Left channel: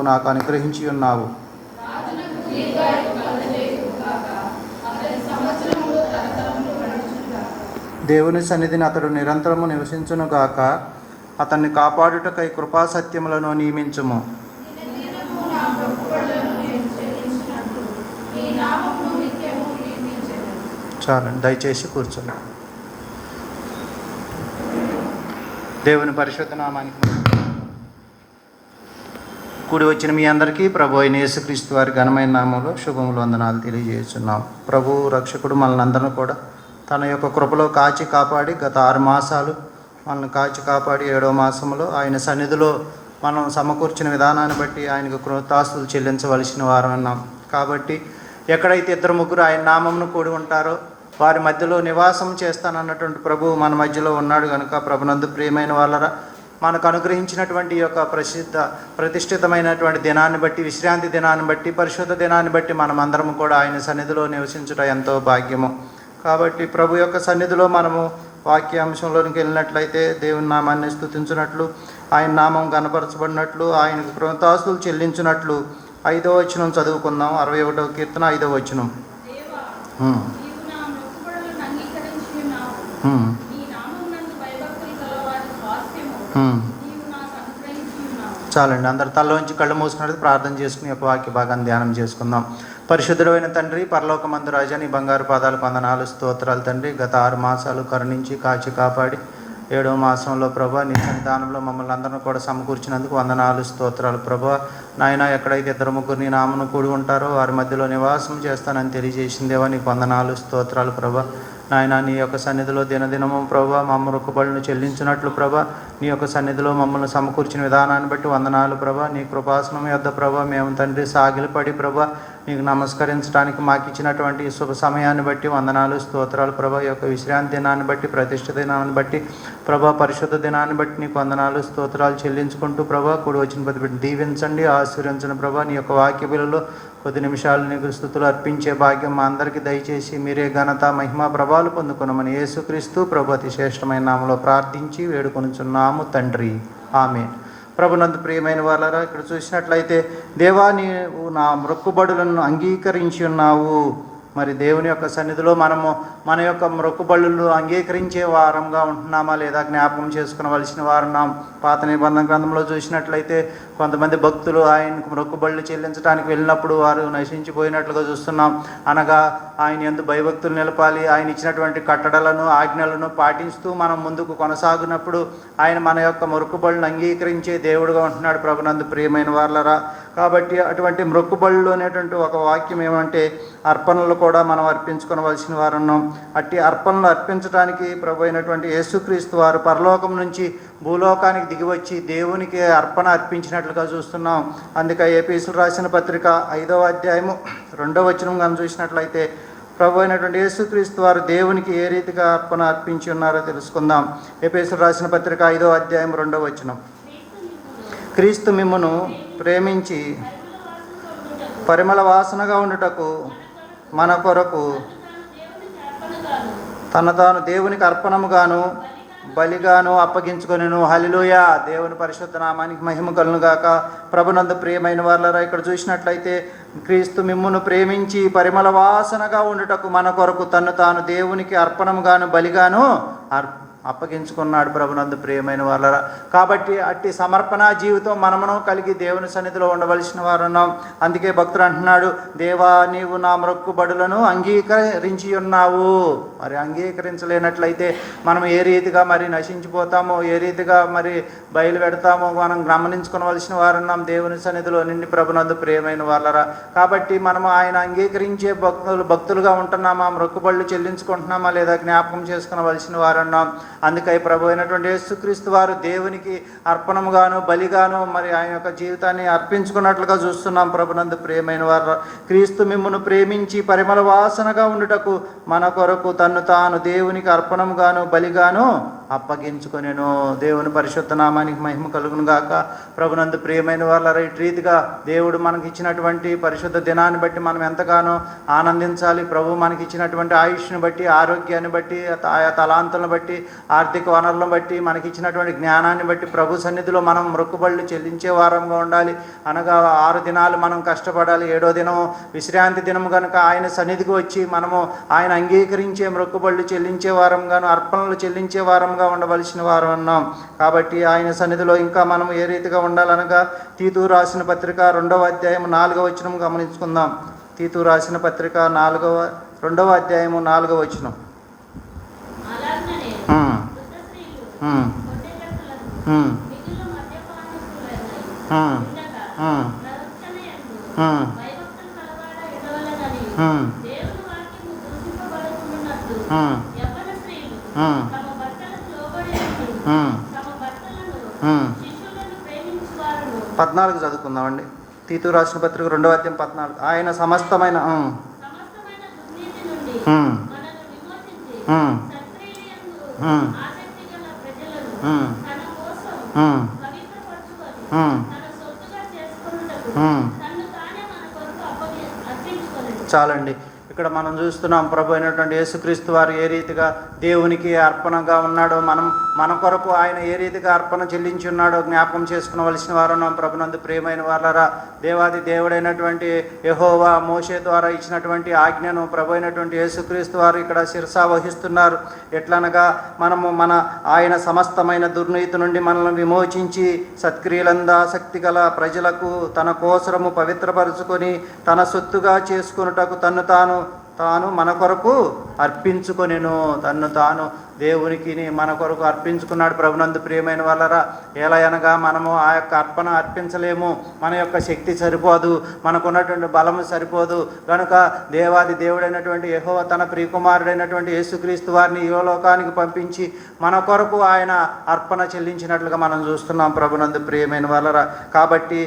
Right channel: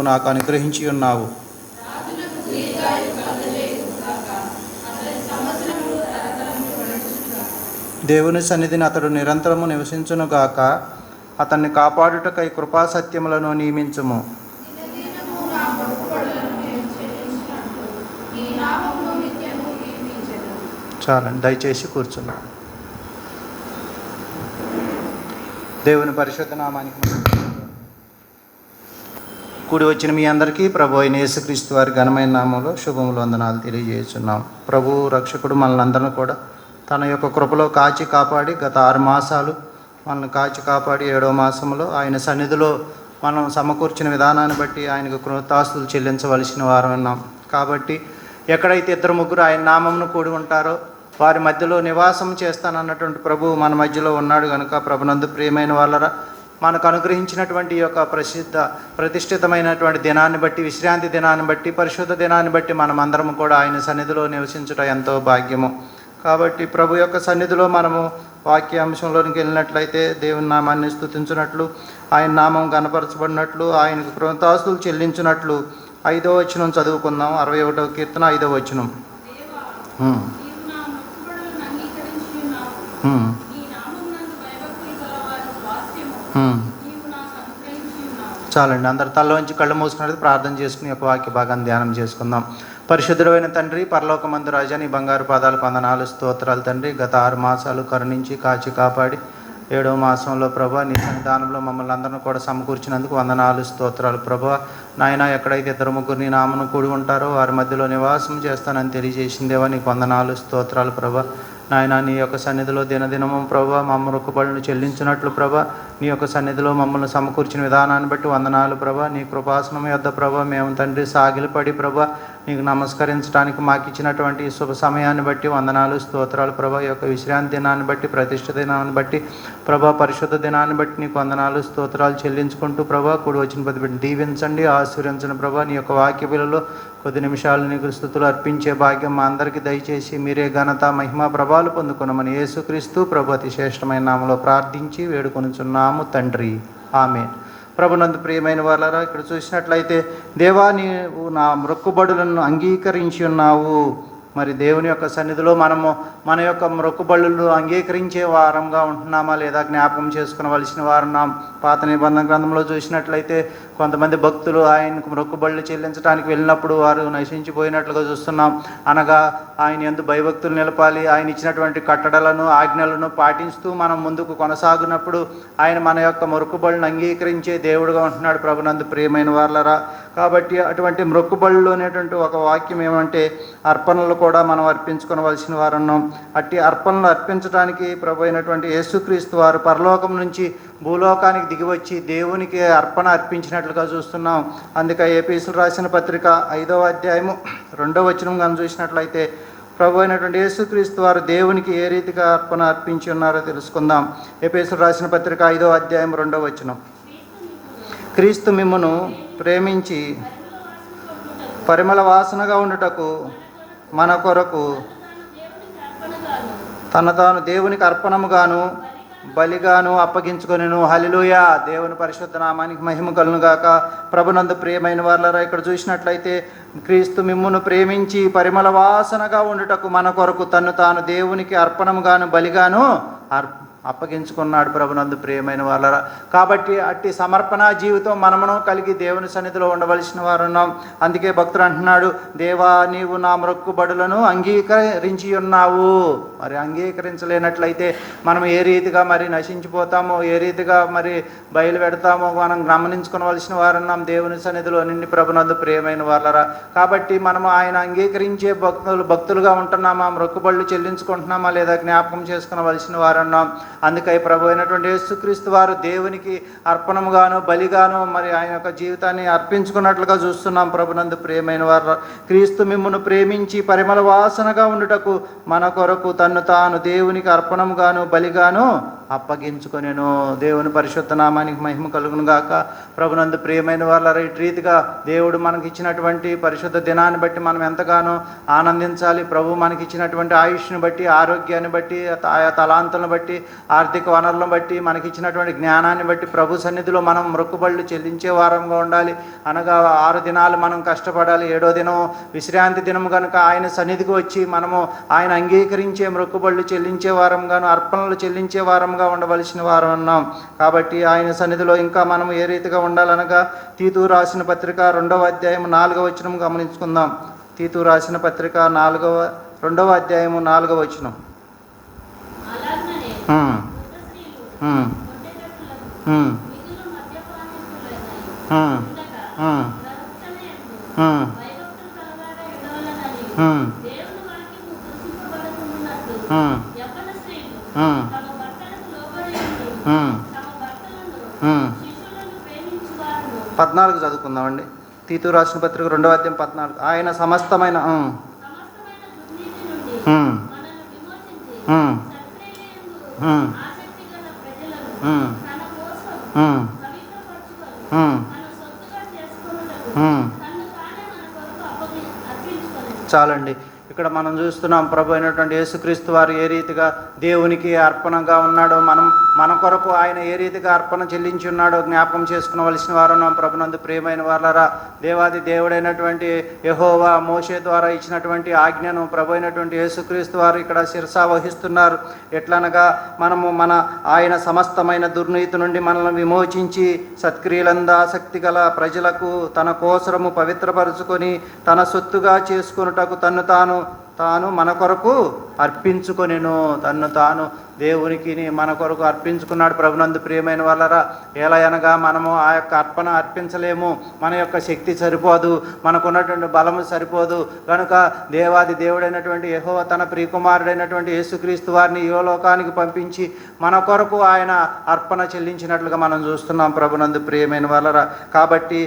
నాకు అనుగ్రహించి ఉన్నావు. దేవుని సన్నిధిని అతడు నిరంతరము నివసించునుగాక. అతన్ని కాపాడుటకై కృపాసత్యములను నియమించుము. చాలండి, దయచేసి కూర్చోండి. దేవుని పరిశుద్ధ నామానికి కూడి వచ్చిన మీ అందరికీ ప్రభు అయిన యేసుక్రీస్తు వారి ఘనమైన నామంలో శుభములు వందనాలు తెలియజేస్తున్నాం. ప్రభు రక్షకుడు మనల్ని అందరినీ కూడా తన యొక్క కృపలో కాచి కాపాడి గత 6 మాసాలు మనల్ని కాచి కాపాడి 7వ మాసంలో ఆయన సన్నిధిలో మనం సమకూర్చిన విధానాన్ని బట్టి ఆయనకు కృతజ్ఞతాస్తుతులు చెల్లించవలసిన వారం ఉన్నాం. కాబట్టి ఎక్కడైతే 2-3 ఆయన నామమును కూడి ఉంటారో వారి మధ్యలో నివాసం చేస్తానన్నటువంటి ప్రభు మన మధ్యలో ఉన్నాడు కనుక ప్రభునందు ప్రియమైన వాళ్ళరా, మనకు అనుగ్రహించినటువంటి యొక్క ప్రతిష్ఠితమైనటువంటి దినాన్ని బట్టి, విశ్రాంతి దినాన్ని బట్టి, పరిశుద్ధ దినాన్ని బట్టి మనం అందరం కూడా ఆయన సన్నిధిలో నివసించుట ఎంతో భాగ్యము. కాబట్టి ప్రభు యొక్క సన్నిధిలో మనము వాక్యాంశంలోనికి వెళ్ళినట్లయితే దేవుని నామాన్ని స్తుతించినట్లు, ఆయన నామం కనపరచబడినట్లు, ఆయనకు కృతజ్ఞతాస్తుతులు చెల్లించినట్లు 5వ వచనం చదువుకుందాం. 61వ కీర్తన 5వ వచనం. చాలండి, అందరు తల్లోంచి కళ్ళు మూసుకున్నది ప్రార్థన చేసుకుని యొక్క వాక్య భాగాన్ని ధ్యానం చేసుకుందాం. పరిశుద్ధుడైన తండ్రి, పరలోకమందు రాజా, నీ బంగారు పాదాలకు వందనాలు స్తోత్రాలు తండ్రి. గత 6 మాసాలు కరుణించి కాచి కాపాడి 7వ మాసంలో ప్రభా నీ సన్నిధానంలో మమ్మల్ని అందరినీ కూడా సమకూర్చినందుకు వందనాలు స్తోత్రాలు. ప్రభా నాయన, ఎక్కడైతే 2-3 నీ నామను కూడి ఉంటారో వారి మధ్యలో నివాసం చేస్తానని తెలియజేసిందేవా నీకు వందనాలు స్తోత్రాలు. ప్రభా నాయన, నీ యొక్క సన్నిధిలో దినదినము ప్రభా మా మొక్కుబడులను చెల్లించినట్లు ప్రభా నీ యొక్క సన్నిధిలో మమ్మల్ని సమకూర్చిన విధానాన్ని బట్టి వందనాలు ప్రభా. నీ కృపాసనం యొద్ద ప్రభా మేము తండ్రి సాగిలపడి ప్రభా నీకు నమస్కరించడానికి మాకు ఇచ్చినటువంటి శుభ సమయాన్ని బట్టి వందనాలు స్తోత్రాలు ప్రభా. ఈ యొక్క విశ్రాంతి దినాన్ని బట్టి, ప్రతిష్ఠ దినాన్ని బట్టి ప్రభా, పరిశుద్ధ దినాన్ని బట్టి నీకు వందనాలు స్తోత్రాలు చెల్లించుకుంటూ ప్రభా కూడి వచ్చిన ప్రతి బిడ్డను దీవించండి, ఆశీర్వదించండి ప్రభా. నీ యొక్క వాక్య బిలలో కొద్ది నిమిషాలు నీకు స్తుతులు అర్పించే భాగ్యం మా అందరికీ దయచేసి మీరే ఘనత మహిమ ప్రభాలు పొందుకున్నామని యేసుక్రీస్తు ప్రభు అతి శ్రేష్టమైన నామములో ప్రార్థించి వేడుకొనుచున్నాము తండ్రి, ఆమేన్. ప్రభునందు ప్రియమైన వాళ్ళరా, ఇక్కడ చూసినట్లయితే దేవా నీవు నా మొక్కుబడులను అంగీకరించి ఉన్నావు. మరి దేవుని యొక్క సన్నిధిలో మనము మన యొక్క మొక్కుబడులను అంగీకరించే వారంగా ఉంటున్నామా లేదా జ్ఞాపకం చేసుకునవలసిన వారున్నాం. పాత నిబంధన గ్రంథంలో చూసినట్లయితే కొంతమంది భక్తులు ఆయనకు మొక్కుబడులు చెల్లించడానికి వెళ్ళినప్పుడు వారు నశించిపోయినట్లుగా చూస్తున్నాం. అనగా ఆయన యందు భయభక్తులు నిలపాలి, ఆయన ఇచ్చినటువంటి కట్టడలను ఆజ్ఞలను పాటిస్తూ మనం ముందుకు కొనసాగినప్పుడు ఆయన మన యొక్క మొక్కుబడులను అంగీకరించే దేవుడుగా ఉంటున్నాడు. ప్రభునందు ప్రియమైన వాళ్ళరా, కాబట్టి అటువంటి మొక్కుబడులు అనేటువంటి ఒక వాక్యం ఏమంటే అర్పణలు కూడా మనం అర్పించుకోవలసిన వారు ఉన్నాం. అట్టి అర్పణలు అర్పించడానికి ప్రభు అయినటువంటి యేసుక్రీస్తు వారు పరలోకం నుంచి భూలోకానికి దిగివచ్చి దేవునికి అర్పణ అర్పించినట్లుగా చూస్తున్నాం. అందుకే ఎఫెసీయులకు రాసిన పత్రిక 5వ అధ్యాయము 2వ వచనం కానీ చూసినట్లయితే ప్రభు అయినటువంటి యేసుక్రీస్తు వారు దేవునికి ఏ రీతిగా అర్పణ అర్పించి ఉన్నారో తెలుసుకుందాం. ఎఫెసీయులకు రాసిన పత్రిక 5వ అధ్యాయం 2వ వచనం. క్రీస్తు మిమ్మును ప్రేమించి పరిమళ వాసనగా ఉండుటకు మన కొరకు తన తాను దేవునికి అర్పణముగాను బలిగాను అప్పగించుకొనెను. హల్లెలూయా, దేవుని పరిశుద్ధ నామానికి మహిమ కలుగును గాక. ప్రభునందు ప్రియమైన వాళ్ళరా, ఇక్కడ చూసినట్లయితే క్రీస్తు మిమ్మును ప్రేమించి పరిమళ వాసనగా ఉండుటకు మన కొరకు తను తాను దేవునికి అర్పణముగాను బలిగాను అప్పగించుకున్నాడు. ప్రభునందు ప్రియమైన వాళ్ళరా, కాబట్టి అట్టి సమర్పణ జీవితం మనమును కలిగి దేవుని సన్నిధిలో ఉండవలసిన వారు ఉన్నాం. అందుకే భక్తుడు అంటున్నాడు, దేవా నీవు నా మొక్కుబడులను అంగీకరించి ఉన్నావు. మరి అంగీకరించలేనట్లయితే మనం ఏ రీతిగా మరి నశించిపోతామో, ఏ రీతిగా మరి బయలు పెడతామో మనం గమనించుకోవలసిన వారు ఉన్నాం దేవుని సన్నిధిలో నిండి. ప్రభునందు ప్రియమైన వాళ్ళరా, కాబట్టి మనము ఆయన అంగీకరించే భక్తులుగా ఉంటున్నామా, మొక్కుబడులు చెల్లించుకుంటున్నామా లేదా జ్ఞాపకం చేసుకునవలసిన వారు ఉన్నాం. అందుకై ప్రభు అయినటువంటి యేసుక్రీస్తు వారు దేవునికి అర్పణముగాను బలిగాను మరి ఆయన యొక్క జీవితాన్ని అర్పించుకున్నట్లుగా చూస్తున్నాం. ప్రభునందు ప్రియమైన వారు, క్రీస్తు మిమ్మును ప్రేమించి పరిమళ వాసనగా ఉండుటకు మన కొరకు తన్ను తాను దేవునికి అర్పణముగాను బలిగాను అప్పగించుకొనెను. దేవుని పరిశుద్ధ నామానికి మహిమ కలుగును గాక. ప్రభునందు ప్రియమైన వాళ్ళ ఇటు రీతిగా దేవుడు మనకి ఇచ్చినటువంటి పరిశుద్ధ దినాన్ని బట్టి మనం ఎంతగానో ఆనందించాలి. ప్రభు మనకి ఇచ్చినటువంటి ఆయుష్ని బట్టి, ఆరోగ్యాన్ని బట్టి, ఆయా తలాంతులను బట్టి, ఆర్థిక వనరులను బట్టి మనకి ఇచ్చినటువంటి జ్ఞానాన్ని బట్టి ప్రభు సన్నిధిలో మనం మొక్కుబళ్ళు చెల్లించే వారంగా ఉండాలి. అనగా 6 దినాలు మనం కష్టపడాలి, 7వ దినం విశ్రాంతి దినం కనుక ఆయన సన్నిధికి వచ్చి మనము ఆయన అంగీకరించే మొక్కుబళ్ళు చెల్లించే వారంగాను అర్పణలు చెల్లించే వారంగా ఉండవలసిన వారం ఉన్నాం. కాబట్టి ఆయన సన్నిధిలో ఇంకా మనం ఏ రీతిగా ఉండాలనగా తీతు రాసిన పత్రిక 2వ అధ్యాయం 4వ వచనం గమనించుకుందాం. తీతు రాసిన పత్రిక 2వ అధ్యాయము 4వ వచనం. పద్నాలుగు చదువుకుందామండి. తీతు రాసిన పత్రిక 2వ అధ్యాయం 14. ఆయన సమస్తమైన చాలండి. ఇక్కడ మనం చూస్తున్నాం ప్రభు అయినటువంటి యేసుక్రీస్తు వారు ఏ రీతిగా దేవునికి అర్పణగా ఉన్నాడో, మన కొరకు ఆయన ఏ రీతిగా అర్పణ చెల్లించి ఉన్నాడో జ్ఞాపకం చేసుకునవలసిన వారు ఉన్నాం. ప్రభునందు ప్రియమైన వారలారా, దేవాది దేవుడైనటువంటి యెహోవా మోషే ద్వారా ఇచ్చినటువంటి ఆజ్ఞను ప్రభు అయినటువంటి యేసుక్రీస్తు వారు ఇక్కడ శిరసా వహిస్తున్నారు. ఎట్లనగా ఆయన సమస్తమైన దుర్నీతి నుండి మనల్ని విమోచించి సత్క్రియలందు ఆసక్తి గల ప్రజలకు తన కోసరము పవిత్రపరుచుకొని తన సొత్తుగా చేసుకొనుటకు తాను మన కొరకు అర్పించుకొనెను. తాను దేవునికి మన కొరకు అర్పించుకున్నాడు. ప్రభునందు ప్రియమైన వాళ్ళరా, ఎలా అనగా మనము ఆ యొక్క అర్పణ అర్పించలేము, మన యొక్క శక్తి సరిపోదు, మనకున్నటువంటి బలము సరిపోదు. కనుక దేవాది దేవుడైనటువంటి యెహోవా తన ప్రియకుమారుడైనటువంటి యేసుక్రీస్తు వారిని యోలోకానికి పంపించి మన కొరకు ఆయన అర్పణ చెల్లించినట్లుగా మనం చూస్తున్నాం. ప్రభునందు ప్రియమైన వాళ్ళరా, కాబట్టి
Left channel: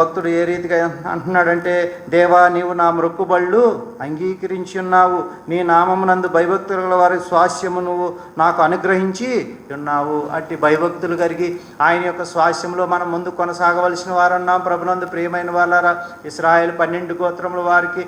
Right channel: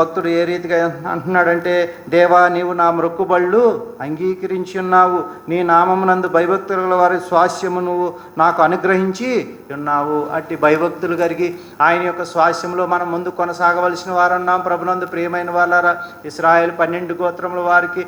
భక్తుడు ఏ రీతిగా అంటున్నాడంటే, దేవా నీవు నా మొక్కుబళ్ళు అంగీకరించి ఉన్నావు, నీ నామమునందు భయభక్తుల వారి స్వాస్యము నువ్వు నాకు అనుగ్రహించి ఉన్నావు. అట్టి భయభక్తులు కలిగి ఆయన యొక్క స్వాస్యంలో మనం ముందు కొనసాగవలసిన వారున్నాం. ప్రభునందు ప్రియమైన వాళ్ళారా, ఇశ్రాయేలు 12 గోత్రముల వారికి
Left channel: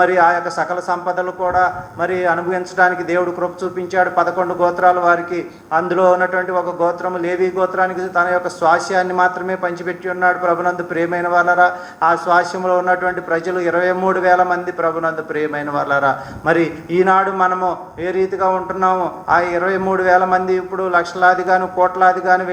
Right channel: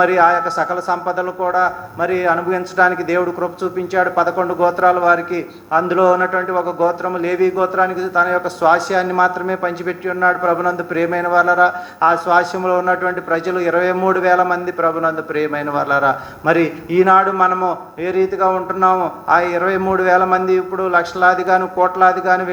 మరి ఆ యొక్క సకల సంపదలు కూడా మరి అనుభవించడానికి దేవుడు కృప చూపించాడు. 11 గోత్రాల వారికి అందులో ఉన్నటువంటి ఒక గోత్రము లేవి గోత్రానికి తన యొక్క స్వాస్యాన్ని మాత్రమే పంచిపెట్టి ఉన్నాడు. ప్రభునందు ప్రియమైన వాళ్ళారా, ఆ స్వాస్యంలో ఉన్నటువంటి ప్రజలు 23,000 మంది. ప్రభునందు ప్రియమైన వాళ్ళారా, మరి ఈనాడు మనము ఏ రీతిగా ఉంటున్నాము? ఆ 23,000 మంది ఇప్పుడు లక్షలాదిగాను కోట్లాదిగాను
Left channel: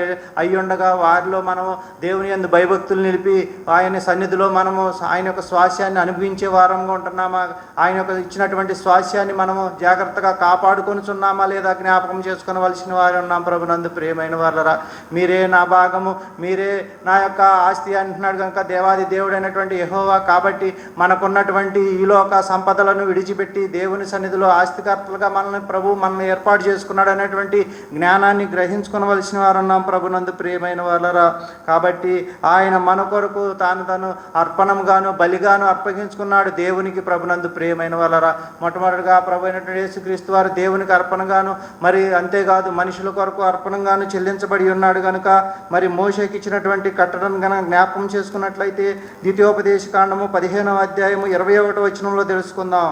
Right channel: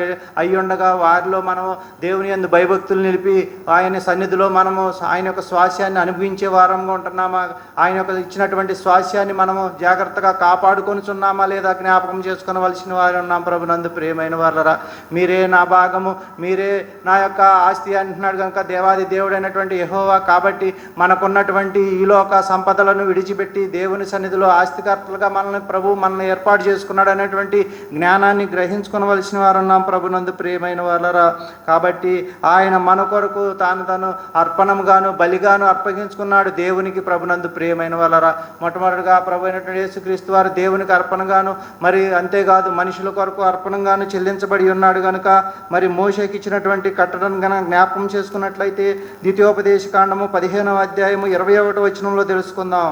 అయ్యుండగా వారిలో మనము దేవుని యందు భయభక్తులు నిలిపి ఆయన సన్నిధిలో మనము ఆయన యొక్క స్వాస్యాన్ని అనుభవించే వారంగా ఉంటున్నామా? ఆయన యొక్క ఇచ్చినటువంటి స్వాస్యాన్ని మనము జాగ్రత్తగా కాపాడుకొనిచున్నామా లేదా జ్ఞాపకం చేసుకునవలసిన వారు ఉన్నాం. ప్రభునందు ప్రియమైన వాళ్ళరా, మీరే నా భాగము, మీరే నా యొక్క ఆస్తి అంటున్నాడు కనుక దేవాది దేవుడైనటువంటి యెహోవా. కాబట్టి మనకున్నటువంటి ఈ లోక సంపదలను విడిచిపెట్టి దేవుని సన్నిధిలో ఆస్తికర్తలుగా మనల్ని ఏర్పాటు చేసుకున్నాడు అనేటువంటి జ్ఞానాన్ని గ్రహించుకోవలసిన వారున్నాం. ప్రభునందు ప్రియమైన వాళ్ళరా, కాబట్టి ఆయన మన కొరకు తాను అర్పణముగాను బలిగాను అర్పగించుకున్నాడు దేవునికి. ప్రభునందు ప్రియమైన వాళ్ళరా, మొట్టమొదటిగా ప్రభు అయినటువంటి యేసుక్రీస్తు వారు దేవునికి అర్పణగాను, మరి అంతేకాదు మనుషుల కొరకు అర్పణగాను చెల్లించబడి ఉన్నాడు కనుక మరి మోషేకి ఇచ్చినటువంటి కట్టడం గన జ్ఞాపకం చేసుకున్నట్లయితే ద్వితీయోపదేశకాండము 15వ అధ్యాయము 21వ వచనంలో తెలుసుకుందాం.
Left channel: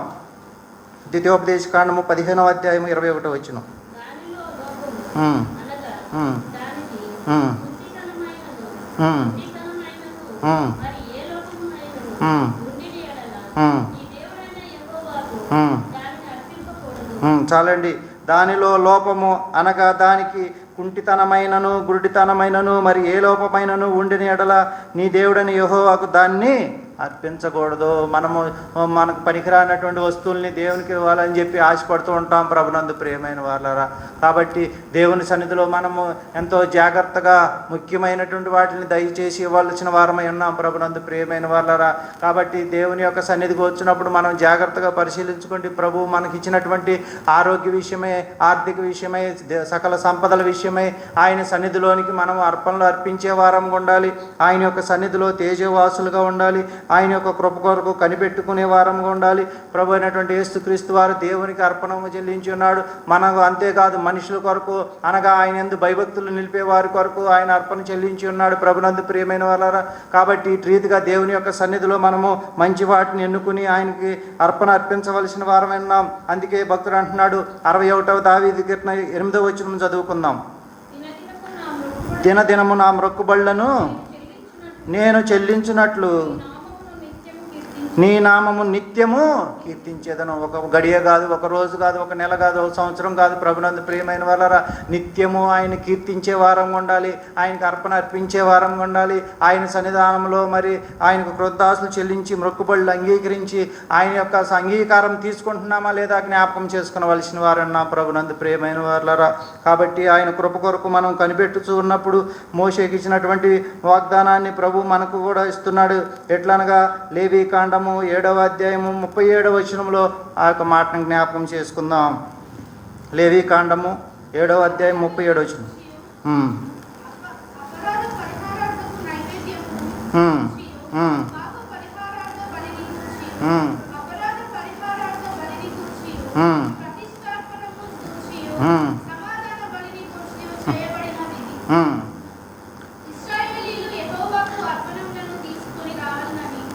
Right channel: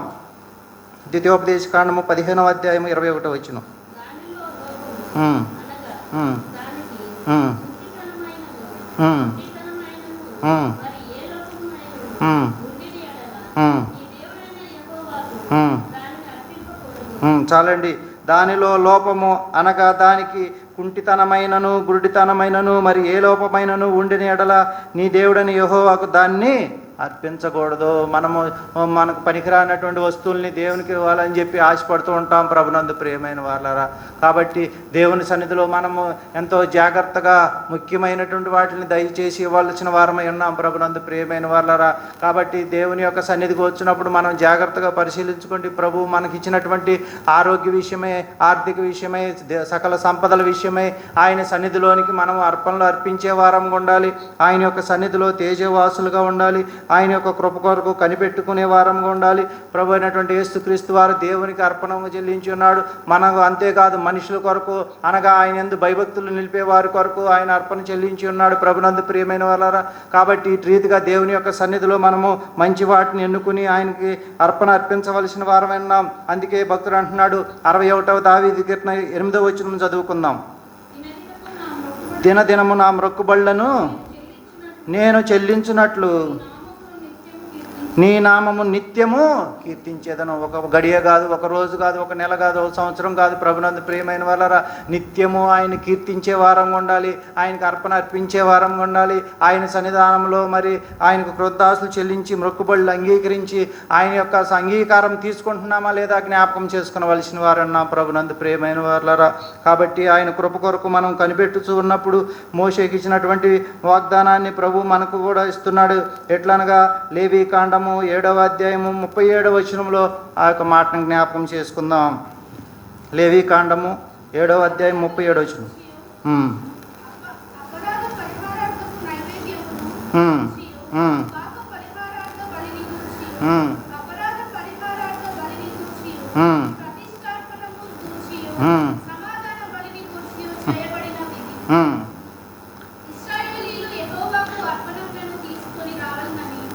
ద్వితీయోపదేశకాండము 15వ అధ్యాయము 21వ వచనం. చాలండి. దానిలో లోపము అనగా దానికి కుంటితనమైనను గురుడితనమైనను మరి ఏ లోపమైనను ఉండిన ఎడల నీ దేవుడని యెహోవాకు దాన్ని అర్పించకూడదు. మనకు పనికిరానటువంటి వస్తువుల్ని దేవునికి ఇవ్వాలని చెప్పి ఆశపడుతూ ఉంటాం. ప్రభునందు ప్రియమైన వాళ్ళరా, కాబట్టి దేవుని సన్నిధిలో మనము ఎంతో జాగ్రత్తగా ముఖ్యమైనటువంటి వాటిని దయచేసి ఇవ్వాల్సిన వారమై ఉన్నాం. ప్రభునందు ప్రియమైన వాళ్ళరా, కాబట్టి దేవుని యొక్క సన్నిధికి వచ్చినప్పుడు మనం జాగ్రత్తగా పరిశీలించుకోండి. ప్రభు మనకి ఇచ్చినటువంటి ఆరోగ్య విషయమై, ఆర్థిక విషయమై, సకల సంపదల విషయమై ఆయన సన్నిధిలోనికి మనం అర్పణలు అర్పించే వారంగా ఉండాలి. ఆయన యొక్క సన్నిధిలో తేజవాసులుగా ఉండాలి. ఆయన యొక్క కృప కొరకు కనిపెట్టుకునే వారంగా ఉండాలి. ప్రభు అయినటువంటి యేసుక్రీస్తు వారు దేవునికి అర్పణంగా చెల్లించి ఉన్నాడు. మనకు అంతేకాదు మనుషుల కొరకు అనగా ఆయన యందు భయభక్తులు నిలిపే వారి కొరకు ఆయన అర్పణ చెల్లించి ఉన్నాడు. ప్రభునందు ప్రియమైన వాళ్ళారా, కాబట్టి ఇటు రీతిగా దేవుని యొక్క సన్నిధిలో మనము మంచి వాటిని ఎన్నుకుని ఆయనకి అర్పణ అర్పించవలసిన వారం విన్నాం. అందుకే భక్తుడు అంటున్నాడు 61వ దావీదు కీర్తన 8వ వచనం చదువుకుందాం. దినదినము నా మొక్కుబళ్లను నేను చెల్లించినట్లు నీ నామము నిత్యము కీర్తించేదను. ఒక గడియ కాదు, ఒక రోజు కాదు, ఒక నెల కాదు, ఒక సంవత్సరం కాదు. ప్రభునందు ప్రియమైన వాళ్ళరా, నిత్యము ఆయన కీర్తించే వారంగా ఉండాలి. ఆయనకు అర్పణ అర్పించే వారంగా ఉండాలి. ఆయన సన్నిధానంలో మరి ఆయనకు కృతజ్ఞతలు చెల్లించి మొక్కుబడులు అంగీకరించి ఆయన యొక్క అంగీకారం తీసుకుంటున్నామా లేదా జ్ఞాపకం చేసుకునవలసిన వారన్నా ప్రభునందు ప్రియమైన వాళ్ళరా. కాబట్టి ఆయన కృప కొరకు మనం కనిపెట్టుచూ ఉన్నప్పుడు మోషేకి ఇచ్చినటువంటి వాగ్దానాన్ని ప్రభు మనకు కూడా ఇస్తున్నాడు. ఎట్లనగా లేవీకాండం 7వ అధ్యాయము 37వ వచనంలో ఆ యొక్క మాటను జ్ఞాపకం చేసుకుందాం. లేవీకాండము 7వ అధ్యాయం 37వ వచనం.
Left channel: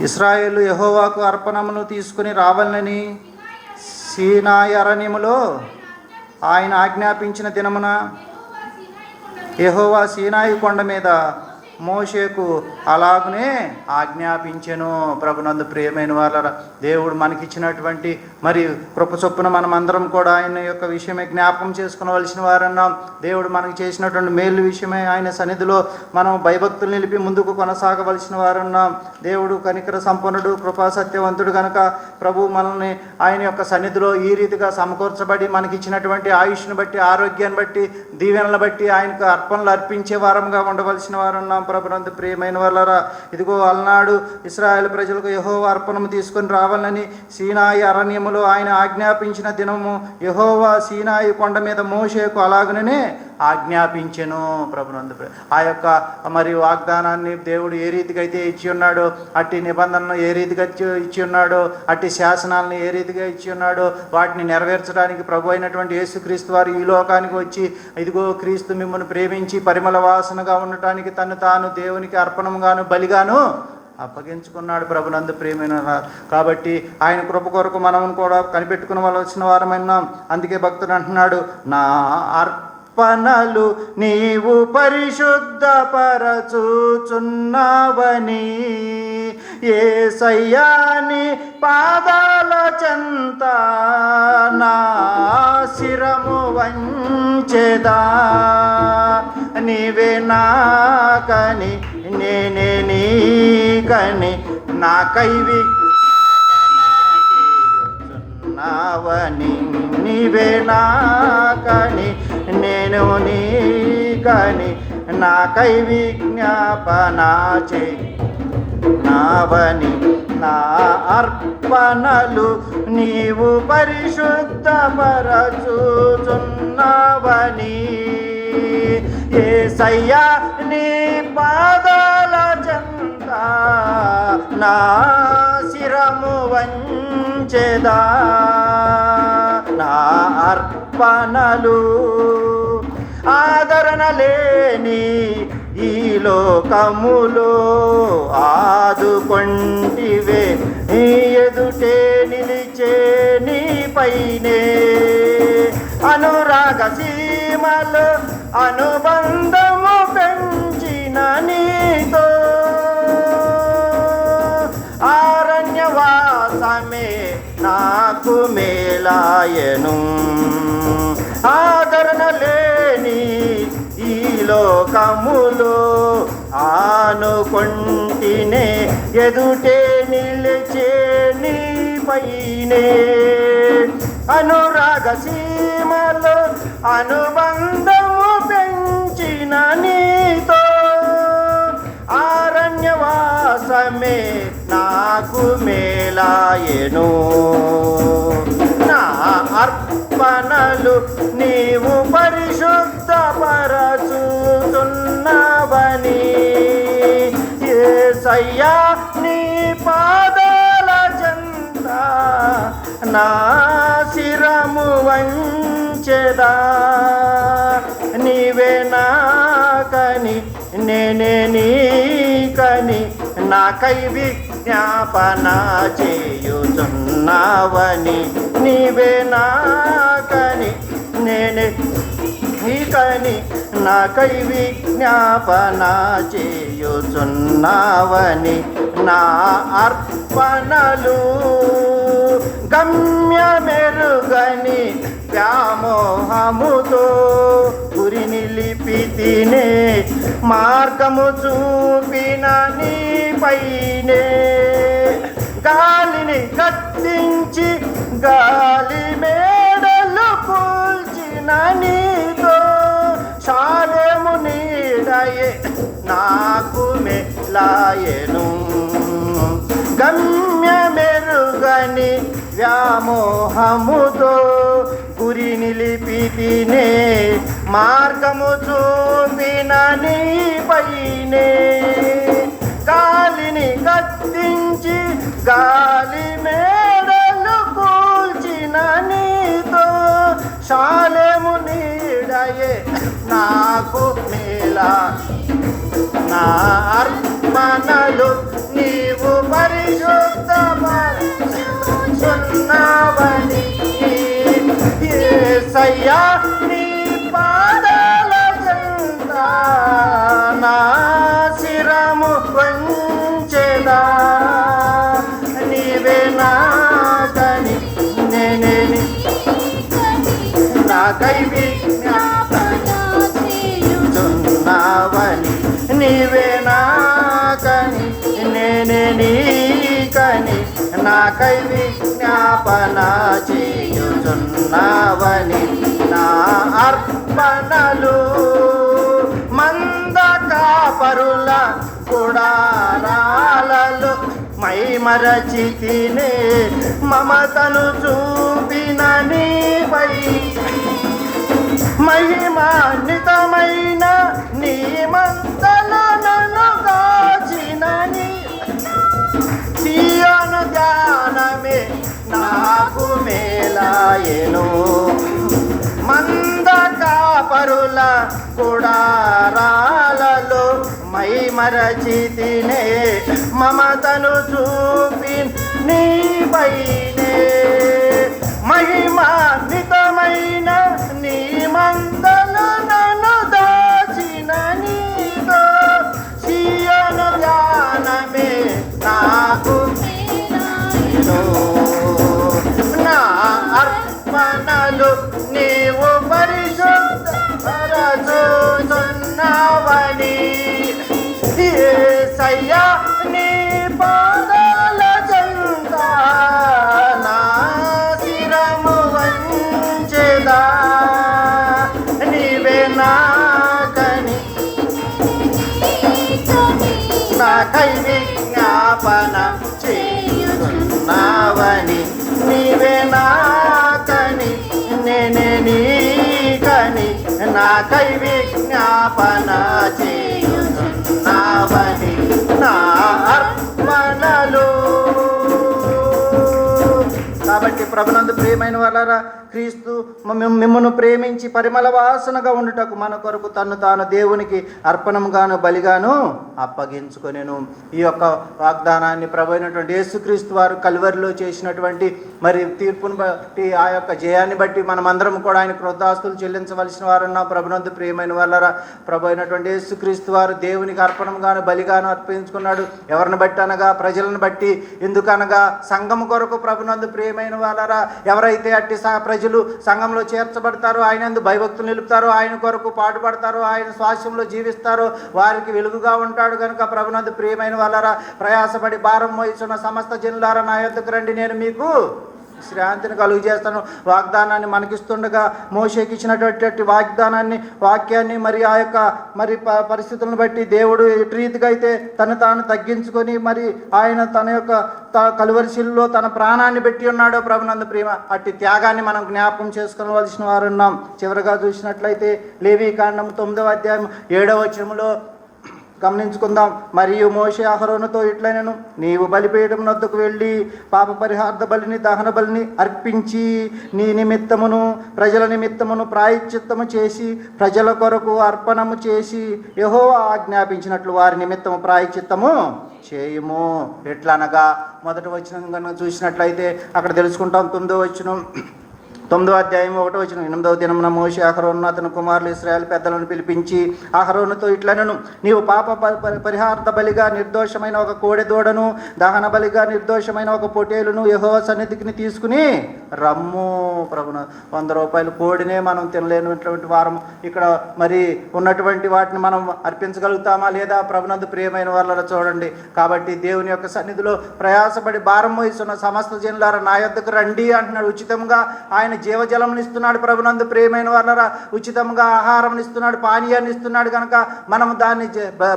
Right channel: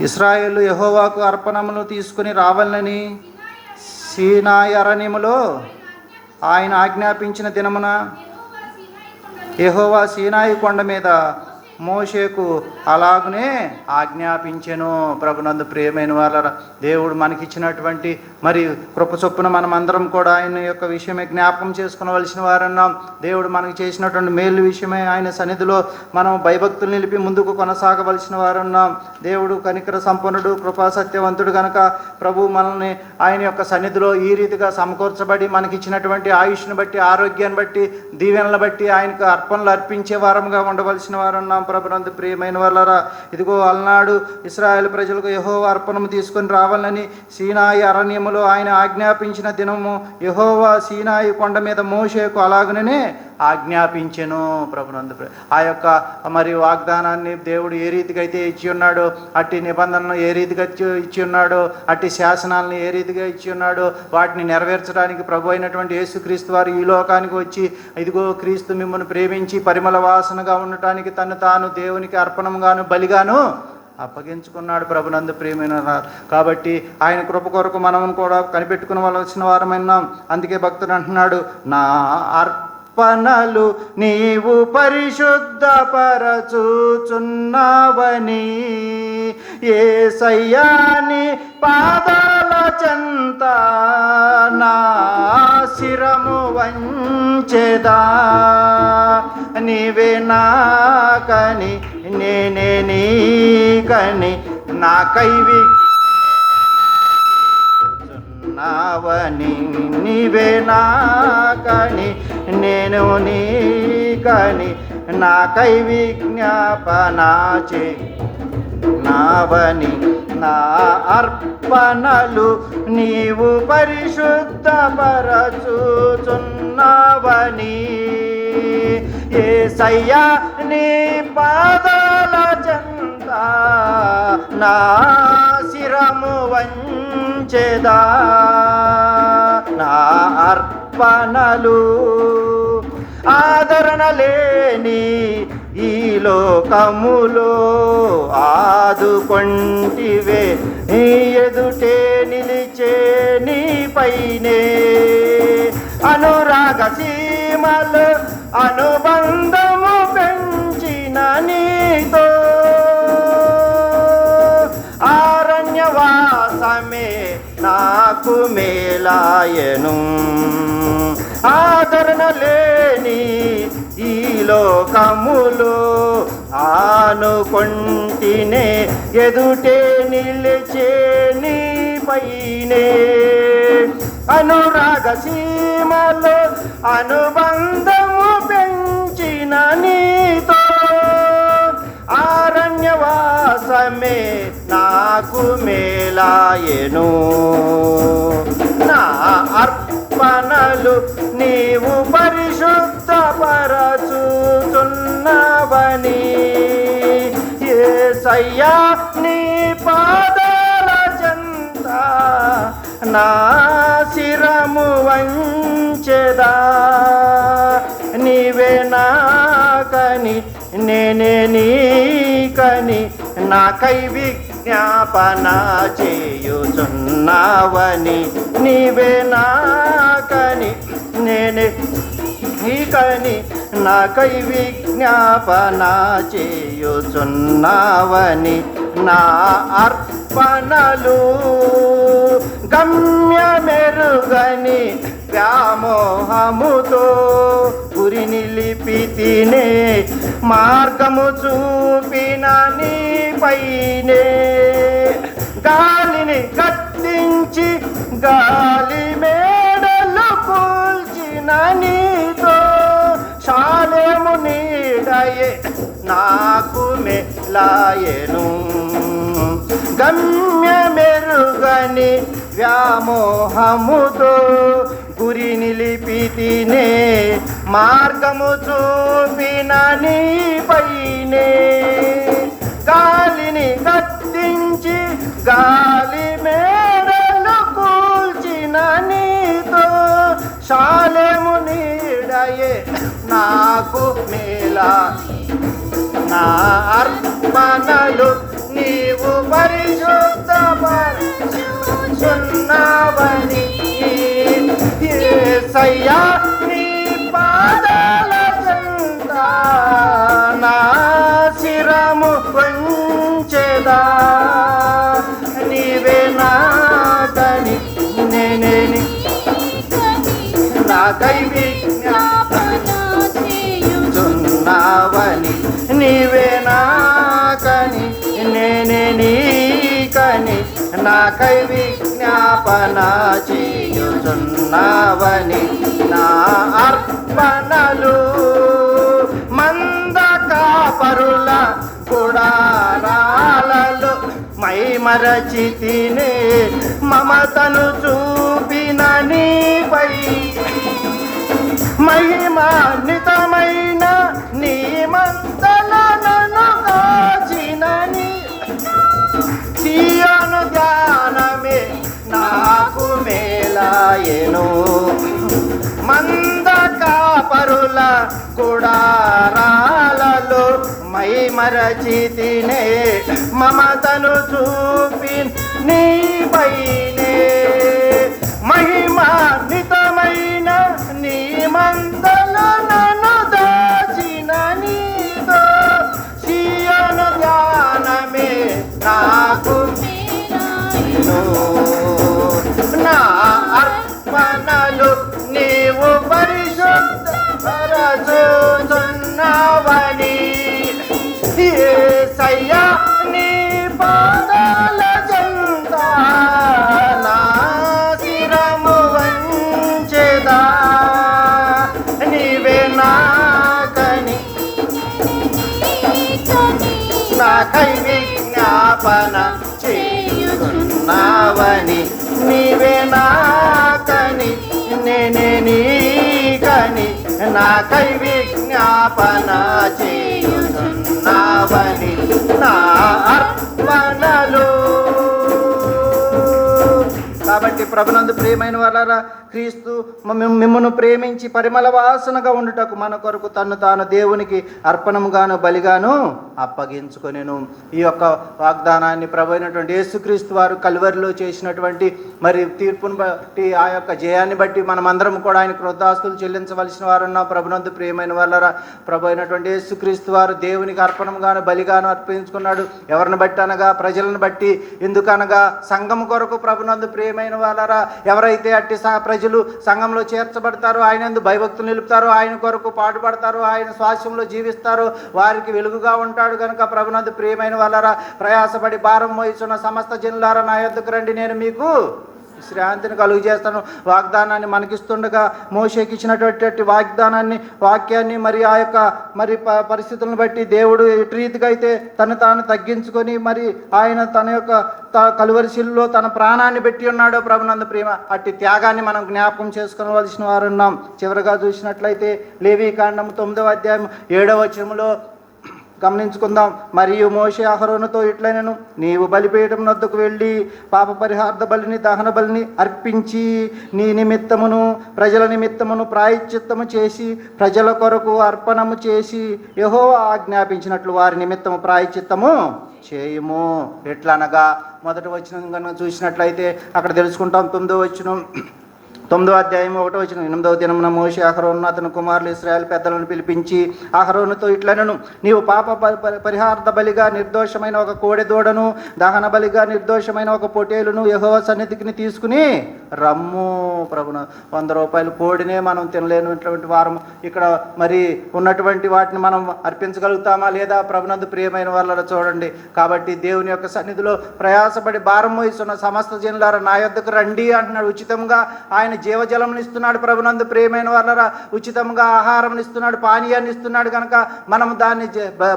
ఇశ్రాయేలు యెహోవాకు అర్పణమును తీసుకుని రావాలని సీనాయి అరణ్యములో ఆయన ఆజ్ఞాపించిన దినమున యెహోవా సీనాయి కొండ మీద మోషేకు అలాగనే ఆజ్ఞాపించెను. ప్రభునందు ప్రియమైన వాళ్ళ దేవుడు మనకిచ్చినటువంటి మరి కృప చొప్పున మనం అందరం కూడా ఆయన యొక్క విషయమే జ్ఞాపకం చేసుకునవలసిన వారన్నాం. దేవుడు మనకి చేసినటువంటి మేలు విషయమే ఆయన సన్నిధిలో మనం భయభక్తులు నిలిపి ముందుకు కొనసాగవలసిన వారన్నాం. దేవుడు కనికర సంపన్నుడు, కృపా సత్యవంతుడు కనుక ప్రభు మనల్ని ఆయన యొక్క సన్నిధిలో ఈ రీతిగా సమకూర్చబడి మనకిచ్చినటువంటి ఆయుష్ను బట్టి, ఆరోగ్యాన్ని బట్టి, దీవెనలు బట్టి ఆయనకు అర్పణలు అర్పించే వారంగా ఉండవలసిన వారన్నాం. ప్రభునందు ప్రియమైన వాళ్ళరా, ఇదిగో అలనాడు ఇశ్రాయేలు ప్రజలకు యెహోవా అర్పణము తీసుకొని రావాలని సీనాయి అరణ్యములో ఆయన ఆజ్ఞాపించిన దినము యెహోవా సీనాయి కొండ మీద మోషేకు అలాగనే ఆజ్ఞాపించెను. ప్రభునందు ఆ యొక్క మరి వాగ్దానాన్ని దేవుడు ఏ రీతిగా అయితే ఇచ్చి ఉన్నాడో, అట్టి నిబంధనలను ఏ రీతిగా ఇచ్చి ఉన్నాడో, అట్టి శాసనాలను ఏ రీతిగా ఇచ్చి ఉన్నాడో వాటిని నెరవేర్చడానికి ప్రభు అయినటువంటి యేసుక్రీస్తు వారు ఈ లోకానికి వచ్చి ఇదిగో క్రీస్తు మిమ్మల్ని ప్రేమించి పరిమళ వాసనగా ఉండటానికి తను తాను దేవునికి అర్పణంగాను బలిగాను అప్పగించుకున్నాడు. ప్రభునందు ప్రియమైన కాబట్టి ఆయన కృప కొరకు మనం కూడా కనిపెట్టుకునవలసిన వారమైనాం. అందుకే భక్తుడు అంటున్నాడు, నా అర్పణలు నీవు పరిశుద్ధపరచుచున్నావని యేసయ్యా నీ పాదాల చెంత నా శిరము వంచెదా. నీవే నాకని నేనే నీకని నాకైవి నావని నీవే నాకని నేను నీకని నాకై విజ్ఞాపన నావని నా అర్పణలు నీవు పరిశుద్ధపరచుచున్నావని యేసయ్యా నీ పాదాల చెంత నా శిరము వంచెదా. నా అర్పణలు ఆదరణ లేని ఈ లోకములో ఆదుకొంటివే, నీ ఎదుటే నిలిచే నీ పైనే అనురాగ సీమలు అనుబంధము పెంచిన నీతో ఆరణ్యవాసమే నాకు మేలాయను. ఆదరణ లేని ఈ లోకములో ఆనుకొంటినే ఎదుటే నిలిచే నీ పైనే అనురాగ సీమలో అనుబంధము పెంచిన నీతో ఆరణ్యవాసమే నాకు మేలాయెను. నా అర్పణలు నీవు పరిశుద్ధపరచుచున్నవని యేసయ్యా నీ నా శిరము వంచెదా, నీవే నాకని నేనే నీకని నాకై విజ్ఞాపన చేయుచున్నావని, నీవే నాకని నేనే నీకని నాకై విజ్ఞాపన చేయుచున్నావని, నా అర్పణలు గమ్యమెరుగని వ్యామోహముతో గురి నిలిపితినే, మార్గము చూపిన నీపైనే గాలిని కత్తించి గాలి మేడలు కూల్చిన నీతో శాలము నీడయే నాకు మెలాయెను, గమ్యమెరుగని వ్యామోహముతో గురి నిలిపితినే, మార్గము చూపిన నీపైనే గాలిని కత్తించి గాలి మేడలు కూల్చిన నీతో శాలము నీడయే నాకు మేలా, నా అర్పణలు నీవు పరిశుద్ధపరచుచున్నావని, యేసయ్యా నీ పాదాల చెంత నా శిరము వంచెదా, నీవే నాకని నేనే నాకై విజ్ఞాపన చేయుచున్నావని, నీవే నాకని నేనే నీకని నాకై విజ్ఞాపన చేయుచున్నావని, నా అర్పణలు మంద కాపరుల గుడారాలలో మై మరచితినే, మమతను చూపిన నీపై మహిమాన్వితమైన నీ మందలను కాచినని, సీయోను ధ్యానమే నాకు మేలాయెను, మంద కాపరుల గుడారాలలో మై మరచితినే, మమతను చూపి నీపైనే మహిమాన్వితమైన నీ మందలను దాచిన నీతో సీయోను ధ్యానమే నాకు మేలాయెను, నా అర్పణలు నీవు పరిశుద్ధపరచుచున్నావని, యేసయ్యా నీ పాదాల చెంత నా శిరము వంచెదా, నీవే నాకని నాకై విజ్ఞాపన చేయుచున్నావని, నీవే నాకని నేనే నీకని నాకై విజ్ఞాపన చేయుచున్నావని, నా అర్పణలు. కాబట్టి ప్రభునందు ప్రియమైన వారలారా, క్రీస్తు మిమ్మును ప్రేమించి పరిమళ వాసనగా ఉండుటకు మన కొరకు తను తాను దేవునికి అర్పణముగాను బలిగాను అప్పగించుకొనెను. ఈ యొక్క వాగ్దానాన్ని ప్రభు అయినటువంటి యేసుక్రీస్తు వారు కల్వరిలో చేసినటువంటి మరి తీర్పును బట్టి, ఆ యొక్క జయాన్ని బట్టి మనమందరం కూడా ఆయన కృతజ్ఞతాస్తుతులు చెల్లించవలసిన వారున్న ప్రభునందు ప్రియమైన వారలారా, ప్రభు అయినటువంటి యేసుక్రీస్తు వారు దేవునికి అర్పణముగాను బలిగాను అర్పించుకున్నాడు. ఎవరిని బట్టి అనగా ప్రజలను బట్టి. ఎందుకనగా సంఘం కొరకు ప్రభునందు ప్రియమైన వారలారా, ఎవరైతే అట్టి ప్రజలు సంఘంలో చేర్చబడతారో, ఆయన యందు భయభక్తులు నిలుపుతారో, ఆయన కొరకు పాటుపడతారో, ఆయన స్వాస్యంలో జీవిస్తారో వారికి వెలుగుగా ఉంటాడు కనుక ప్రభునందు ప్రియమైన వారలారా, ప్రయాసపడి భారం మోయిచున్న సమస్త జనులారా నా యొద్దకు రండి, నేను మీకు శ్రాంతిని కలుగు చేస్తాను. వాగ్దానాన్ని మనకిస్తుండగా మోషేకి ఇచ్చినటువంటి వాక్యాన్ని మరి ఆ యొక్క మరి పరిస్థితులను బట్టి దేవుడు ఎటు రీతిగా అయితే తను తాను తగ్గించుకొని మరి ఆయన తన యొక్క కలువరిశిల్లో తన ప్రాణాన్ని పెట్టి ఉన్నాడో ప్రభునందు ప్రేమ, అట్టి త్యాగాన్ని మనం జ్ఞాపకం చేసుకోవలసిన వారు ఉన్నాం. చివరిగా చూసినట్లయితే లేవీకాండం 9వ అధ్యాయం 7వ వచనంలో గమనించుకుందాం. మరియు మోషే అహరోనుతో ఇట్లైనను, నీవు బలిపీఠం వద్దకు వెళ్ళి పాప పరిహార్థ బలిని దహన బలిని అర్పించి నీ నిమిత్తమును ప్రజల నిమిత్తమును ప్రాయశ్చిత్తము చేసి ప్రజల కొరకు అర్పణము చేసి యెహోవా ఆజ్ఞాపించినట్లు వారి నిమిత్తము ప్రాయశ్చిత్తము చేయుము. ఎట్లనగా మొదటి వచనం కనుక చూసినట్లయితే అక్కడ తెలుసుకుంటాం. 9వ అధ్యాయం 1వ వచనం, 8వ దినమున మోషే అహరోను అతని కుమారులు ఇశ్రాయేలు పెద్దలను పిలిపించి అహరోనుతో ఇట్లనను, నీవు పాప పరిహార్థ బలిగా నిర్దోషమైన ఒక కోడె దూడను దహన బలిగా నిర్దోషమైన ఒక పొటేలును యెహోవా సన్నిధికి తీసుకుని రమ్ము. ప్రభున 100 రూపాయల కోడినే మనం తినలేనటువంటి వారం ఇక్కడ మరి ఉన్నటువంటి వాటిని మనం అర్పించగలుగుతామా లేదా? ప్రభునందు ప్రియమైన వాళ్ళ చూడండి. కాబట్టి దేవుని యొక్క సన్నిధిలో ప్రయాసపడి భారం మోయిస్తున్న సమస్త జనులారా నా యొద్దకు రండి అంటున్నాడు. ఉచితంగా ఆయన జీవజలం ఇస్తున్నాడు. ప్రభునందు ప్రియమైన వాళ్ళ ఉచితంగా ఆహారం ఇస్తున్నాడు, పానీయాన్ని ఇస్తున్నాడు. కనుక మనం దాన్ని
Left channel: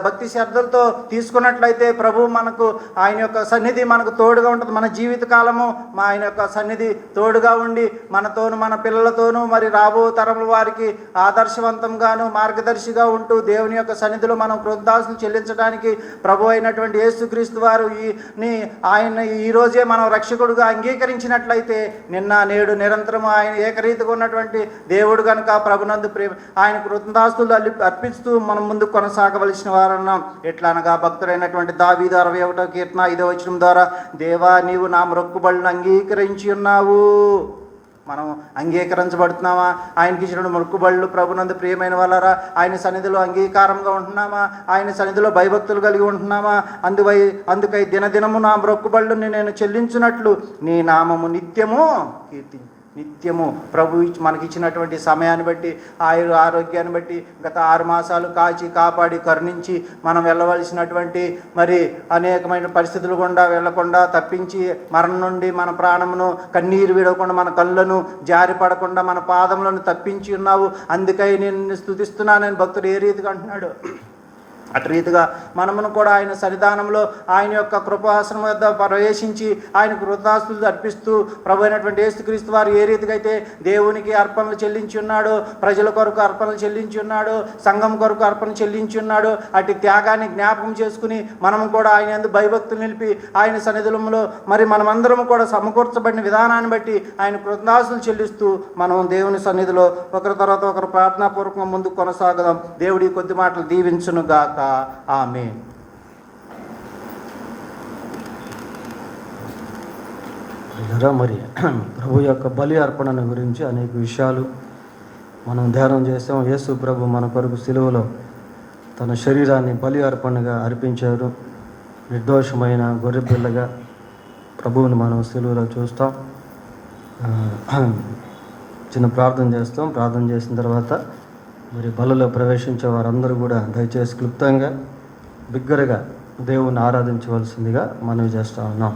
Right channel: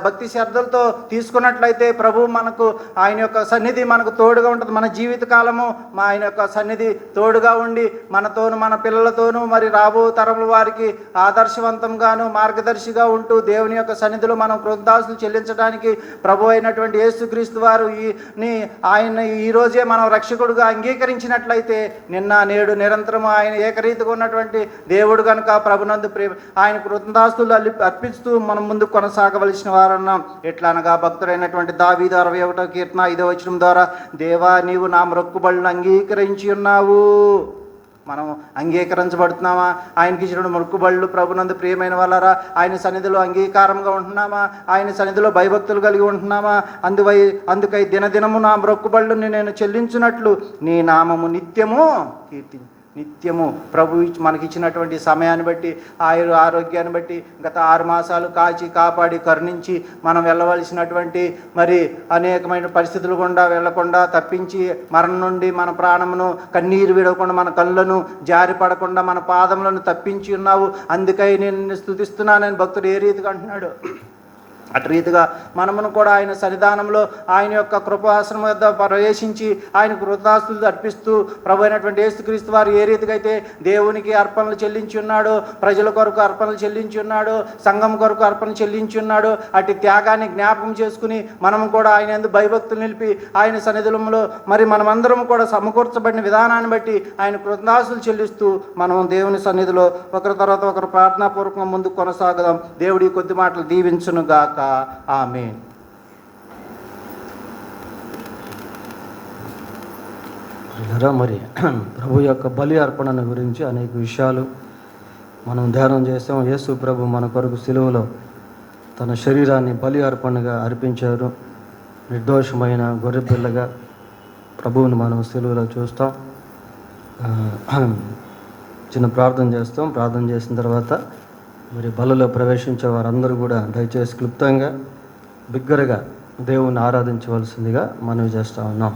భక్తి శ్రద్ధలతో తీసుకున్నట్లయితే ప్రభు మనకు ఆయన యొక్క సన్నిధి మనకు తోడుగా ఉంటుంది. మన జీవిత కాలము ఆయన యొక్క సన్నిధి తోడుగా ఉండి మనతోను మన పిల్లలతోనూ మరి రాబో తరముల వారికి ఆదర్శవంతంగాను మార్గదర్శిగా ఉంటూ దేవుని యొక్క సన్నిధిలో మనం కృతజ్ఞతలు చెల్లించడానికి ప్రభు అయినటువంటి యేసుక్రీస్తు వారు ఆయన ఈరోజే మనం రక్షకుడుగా అంగీకరించినట్లయితే నిన్న నేడు నిరంతరం ఆయన ఏకరీతిగా ఉన్నటువంటి దేవుడు కనుక ప్రభునందు ప్రేమ ఆయన కృతజ్ఞతాస్తులు అర్పిస్తూ మనం ముందుకు కొనసాగవలసిన వారన్నాం. ఎట్లా అనగా భక్తుడైనటువంటి దావీదు 61వ కీర్తన 5వ వచనం ద్వారా, దేవా నీవు నా మొక్కుబడులను అంగీకరించి ఉన్నావు. మనం అంగీకరించబడుతున్నామా? ఆయనకి ఇచ్చిన మొక్కుబళ్ళు ప్రభునందు ప్రియమైన వాళ్ళరా ఆయన సన్నిధిలో అంగీకారంగా ఉంటున్నామా? ఆయన సన్నిధిలో భయభక్తులు కలిగి ఉంటున్నామా? అందుకై దినదినము నా మొక్కుబళ్ళుని నేను చెల్లించినట్లు నీ నామము నిత్యము నిత్యము ప్రభు మనకిచ్చినటువంటి సమయాన్ని బట్టి ఆరోగ్యాన్ని బట్టి గత 6 మాసాలు కాపాడి కరుణించి మనం వెళ్ళవలసినటువంటి మరి అనేకమైన పరిస్థితులు గుండా వెళ్లకుండా తప్పించి మరణం నుండి మన ప్రాణమును కన్నీరు విడవకుండా మన కళ్ళను జారి పడకుండా మన పాదములను తప్పించి ఉన్నావు. అందుకై నేను స్తుతిస్తున్నానని భక్తుడు ఏ రీతిగా అంటున్నాడు. అటు రీతిగా మనమును కూడా ఆయన సన్నిధానంలో ఆయన యొక్క కృపాసనం వద్ద ప్రవేశించి ఆయన కృతజ్ఞతాస్తుతులు అర్పిస్తూ ప్రభు అయినటువంటి యేసుక్రీస్తు వారు ఏ రీతిగా అయితే దేవునికి అర్పణలు చెల్లించి ఉన్నాడో, ప్రజల కొరకు అర్పణలు చెల్లించి ఉన్నాడో, సంఘం కొరకు అర్పణ చెల్లించి ఉన్నాడో, అటు త్యాగాన్ని జ్ఞాపకం చేసుకుని మనము కూడా ఆయన యందు భయభక్తులు నిలిపి ఆయన సన్నిధిలో మరి మనమందరం కూడా సమకూర్చబడిన విధానాన్ని బట్టి ఆయన కృతజ్ఞతాస్తుతులు చెల్లిస్తూ మనం దేవుని సన్నిధిలో ఒకరి తర్వాత ఒకరు ప్రార్థనాపూర్వకంగా ముందుకు కొనసాగుదాం. దేవుడి కొద్ది మాటలు దీవించును గాక. ఆమేన్. మరి ప్రభు యొక్క బలి అర్పణను గురించి అనేక విషయాలు మనం ధ్యానం చేస్తాం. యేసు ప్రభు మన కొరకు సిలువలో తన శరీరాన్ని బలి అర్పణగా అర్పించారు. నిర్దోషమైన గొర్రెపిల్లగా ప్రభువును మనం సిలువలో చూస్తాం. చిన్న ప్రార్థన చేస్తాం. ప్రార్థన చేసిన తర్వాత మరి బలలో ప్రవేశించే వారందరూ కూడా దయచేసి క్లుప్తంగా బిగ్గరగా దేవుని ఆరాధించవలసిందిగా మనవి చేస్తూ ఉన్నాం.